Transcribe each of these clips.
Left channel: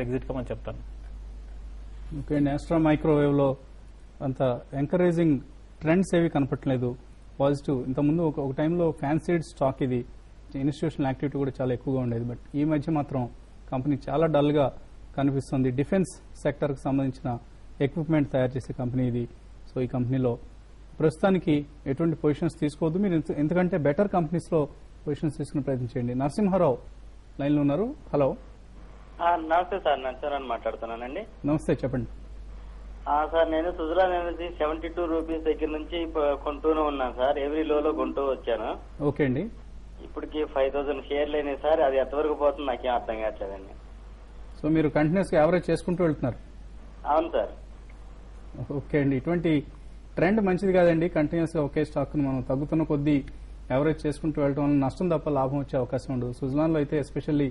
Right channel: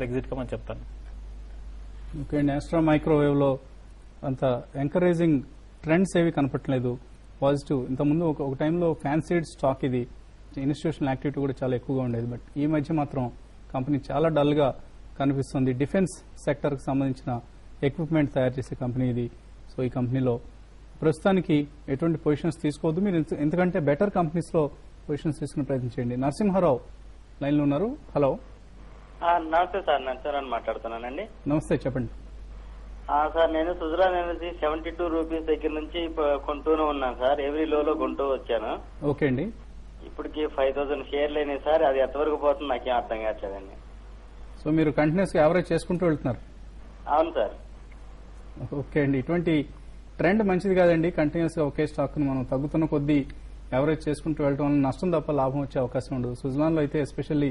Exit కమని చెప్తాను. Okay అండి, ఆస్ట్రా microwave లో అంత ఎంకరేజింగ్ ట్రెండ్స్ ఏవి కనపట్లేదు పాజిటివ్. ఇంతకుముందు ఒక టైంలో ఫ్యాన్సీడ్ స్టాక్ ఇది ఇన్స్టిట్యూషనల్ యాక్టివిటీ కూడా చాలా ఎక్కువగా ఉండేది. బట్ ఈ మధ్య మాత్రం కంపెనీ చాలా డల్ గా కనిపిస్తుంది. డిఫెన్స్ సెక్టర్ కి సంబంధించిన ఎక్విప్మెంట్ తయారు చేసే కంపెనీ ఇది. సో ఈ కంపెనీలో ప్రస్తుతానికి ఎటువంటి పొజిషన్స్ తీసుకోవద్దు మీరు, ఎందుకంటే బెటర్ కంపెనీస్ లో పొజిషన్స్ తీసుకునే ప్రయత్నం చేయండి. నరసింహారావు లైన్ లో ఉన్నారు. హలో. నమస్తే సార్, నరసింహరావు మాట్లాడుతున్నానండి. నమస్తే, చెప్పండి. సార్ నేను సుజలాన్ ఎనర్జీ 72 రూపీస్ దగ్గర నుంచి కొంటూనే ఉన్నాను సార్. ఎవ్రీ లోలో కొంటూ వచ్చాను. ఓకే అండి. ఇప్పటికి 5000 షేర్లు అయినాయి సార్. అది ఎంతవరకు పోతుంది నాకేం అర్థం కావట్లేదండి. సో మీరు కంటిన్యూస్ గా యావరేజ్ చేసుకుంటూ వెళ్తున్నారు? అవును సార్. ఓకే అండి, ఇటువంటి ట్రెండ్ మంచిది కాదండి. కంటిన్యూస్ గా ఒకే స్టాక్ మనం తగ్గుతున్న కొద్దీ యావరేజ్ చేసుకుంటూ వెళ్ళడం వల్ల నష్టం తప్ప లాభం వచ్చే అవకాశం ఉండదు. సుజలాన్ లో అయితే ఎస్పెషల్లీ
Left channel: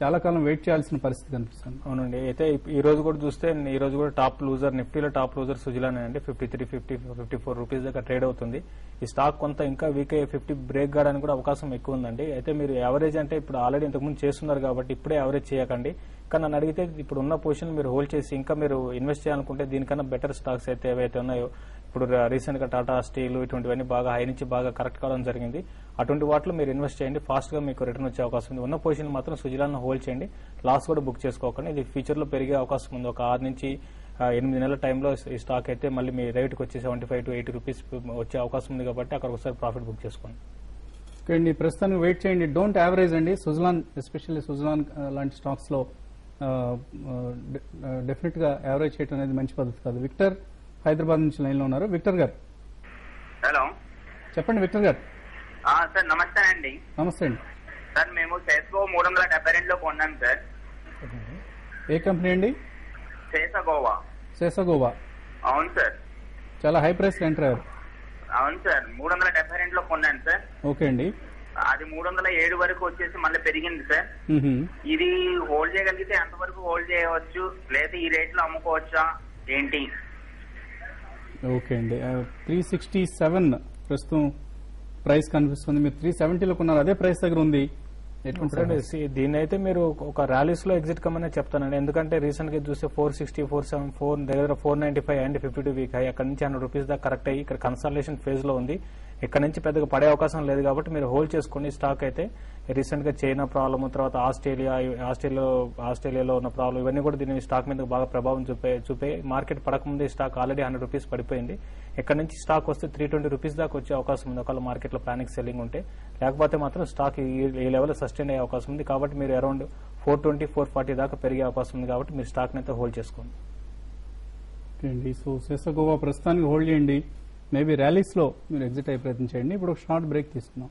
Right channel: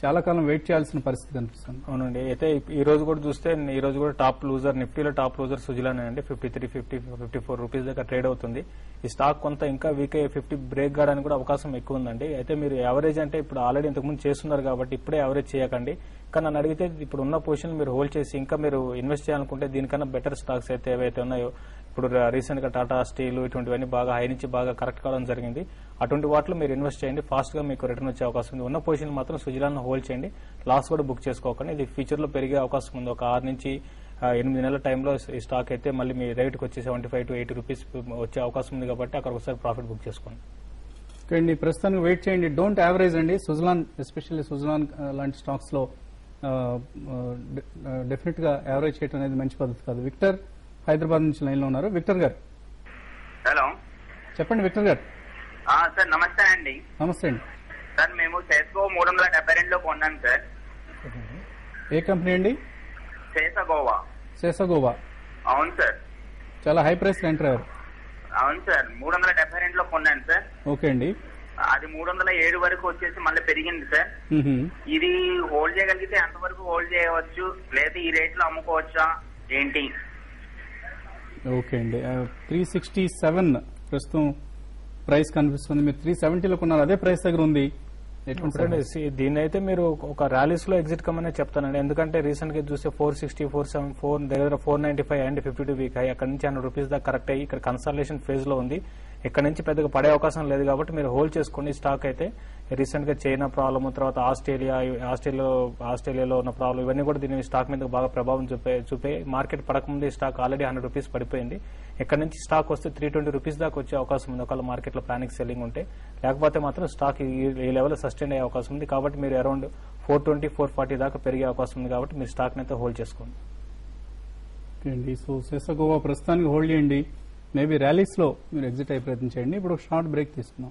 చాలా కాలం వెయిట్ చేయాల్సిన పరిస్థితి అనిపిస్తుంది. అవునండి. అయితే ఈ రోజు కూడా చూస్తే ఈ రోజు కూడా టాప్ లూజర్, నిఫ్టీలో టాప్ లూజర్ సుజలాన్ అండి. 53-54 రూపీస్ దగ్గర ట్రేడ్ అవుతుంది. ఈ స్టాక్ కొంత ఇంకా వీక్ అయ్యి 50 బ్రేక్ కావడానికి కూడా అవకాశం ఎక్కువ ఉందండి. అయితే మీరు యావరేజ్ అంటే ఇప్పుడు ఆల్రెడీ ఇంతకుముందు చేస్తున్నారు కాబట్టి ఇప్పుడే యావరేజ్ చేయకండి. కానీ నన్ను అడిగితే ఇప్పుడు ఉన్న పొజిషన్ మీరు హోల్డ్ చేసి ఇంకా మీరు ఇన్వెస్ట్ చేయాలనుకుంటే దీనికన్నా బెటర్ స్టాక్స్ అయితే ఏవైతే ఉన్నాయో, ఇప్పుడు రీసెంట్ గా టాటా స్టీల్ ఇటువంటివన్నీ బాగా హై నుంచి బాగా కరెక్ట్ కావడం జరిగింది. అటువంటి వాటిలో మీరు ఇన్వెస్ట్ చేయండి. ఫాస్ట్ గా మీకు రిటర్న్ వచ్చే అవకాశం ఉంది. ఉన్న పొజిషన్ మాత్రం సుజలాన్ హోల్డ్ చేయండి. లాస్ కూడా బుక్ చేసుకోకండి. ఇది ఫ్యూచర్ లో పెరిగే అవకాశం ఉంది. ఒక 6 నుంచి 8 నెలల టైంలో ఈ స్టాక్ అయితే మళ్ళీ మీ రేట్ కి వచ్చి 75-80 రూపీస్ వచ్చే అవకాశం ఉంది కాబట్టి అక్కడ ఒకసారి ప్రాఫిట్ బుక్ చేసుకోండి. ఓకే అండి, ప్రస్తుతానికి వెయిట్ చేయండి. డోంట్ యావరేజ్ అండి. సుజలాన్ ఎస్పెషల్లీ సుజలాన్ లాంటి స్టాక్స్ లో డెఫినెట్ గా యావరేజ్ చేయడం అనేది మంచి పద్ధతి కాదు. విక్టర్ హైదరాబాద్ నుంచి లైన్ లో ఉన్నారు. విక్టర్ గారు. హలో, చెప్పండి విక్టర్ గారు. సార్ నమస్తే అండి. నమస్తే అండి. సార్ మేము సెస్కో 372 కొన్నాం సార్. ఏ కంపెనీ అండి? శేషగోవా. శేషగోవా. అవును సార్. చాలా హై ప్రైస్ ఎంటర్ అయ్యారు. అవును సార్, 372 కొన్నాను సార్. ఓకే అండి. అది 307 వరకు వచ్చేసి మళ్ళీ పెరిగింది సార్. ఇది హోల్డ్ చేయగలిగితే ఎంతవరకు హోల్డ్ చేయవచ్చు, లేదా ఈ రేట్ లో అమ్ముకోవచ్చా ఏంటి? ఓకే అండి, 367 ప్రస్తుతం ప్రైస్ కనిపిస్తుంది. మీరు 370లో కొన్నారు, అదే ప్రైస్ దగ్గర ఉంది. దీని అయితే మీరు ఒక ర్యాలీస్ లో ఎగ్జిట్ కమనే చెప్తానండి. ఎందుకంటే రీసెంట్ గా చూస్తే 460, 474 దగ్గర 495 అండ్ 52 వీక్ అయ్యి అక్కడ నుంచి 100 రూపీస్ దాకా కరెక్ట్ అయ్యి ఇక్కడ కన్సల్టేషన్ ఫేజ్ లో ఉంది. ఇక్కడ నుంచి పెద్దగా పడే అవకాశం లేదు కాబట్టి మీరు హోల్డ్ చేసుకుని స్టాక్ అయితే రీసెంట్ గా చైనా ప్రాబ్లమ్, తర్వాత ఆస్ట్రేలియాలో ఉన్న ప్రాబ్లం, ఇవన్నీ కూడా దీని స్టాక్ మీద బాగా ప్రభావం చూపే మార్కెట్ పడకముందు ఈ స్టాక్ ఆల్రెడీ 100 రూపీస్ పడిపోయింది. ఇక్కడ నుంచి స్టాక్ వస్తే 320 రూపీస్ దాకా వచ్చే అవకాశం ఉంది ఒకవేళ మార్కెట్ లో పానిక్ సెల్లింగ్ ఉంటే. లేకపోతే మాత్రం స్టాక్ ఈ లెవెల్ సస్టైన్ అయ్యే అవకాశం ఉంది కాబట్టి మీరు అరౌండ్ 420, 440 దాకా పెరిగే అవకాశం ఉంది కాబట్టి మీరు స్టాక్ అయితే హోల్డ్ చేసుకోండి. సో శేషగోవా ప్రస్తుతానికి హోల్డ్ చేయండి. మేబీ ర్యాలీస్ లో మీరు ఎగ్జిట్ అయ్యే ప్రయత్నం చేయండి. ఇప్పుడు షార్ట్ బ్రేక్ తీసుకున్నాం.